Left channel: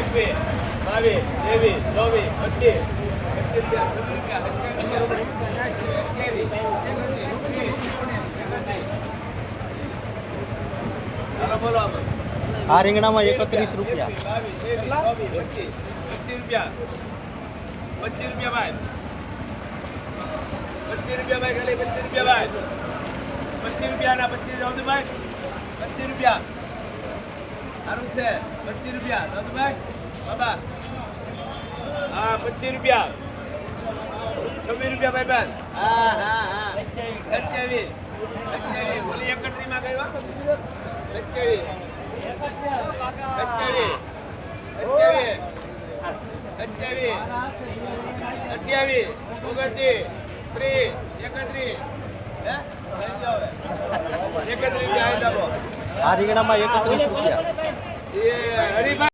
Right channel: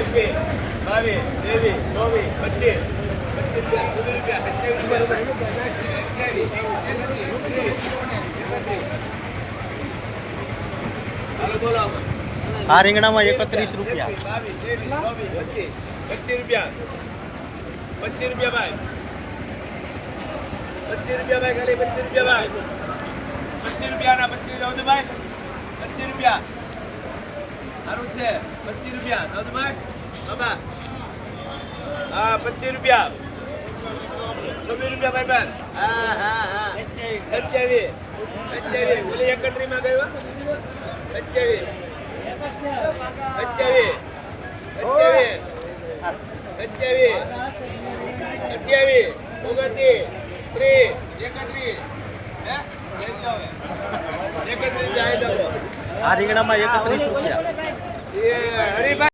21 22 23 24 આ રીંગણામાં 31 રૂપિયા. 25 રૂપિયા ભાઈ. 25 રૂપિયા ભાઈ, ખાલી 25 રૂપિયા ભાઈ. 25 રૂપિયા ના 25 જાવ ભાઈ. 25 રૂપિયા સારું છે. 25 રૂપિયા જાવ ભાઈ. બાબા હા 25 રૂપિયા. 26 રૂપિયા ભાઈ બેન. હા હા હા 28 બોલી 31 માં ગયો. 28 આ રીંગણામાં 31 રૂપિયા.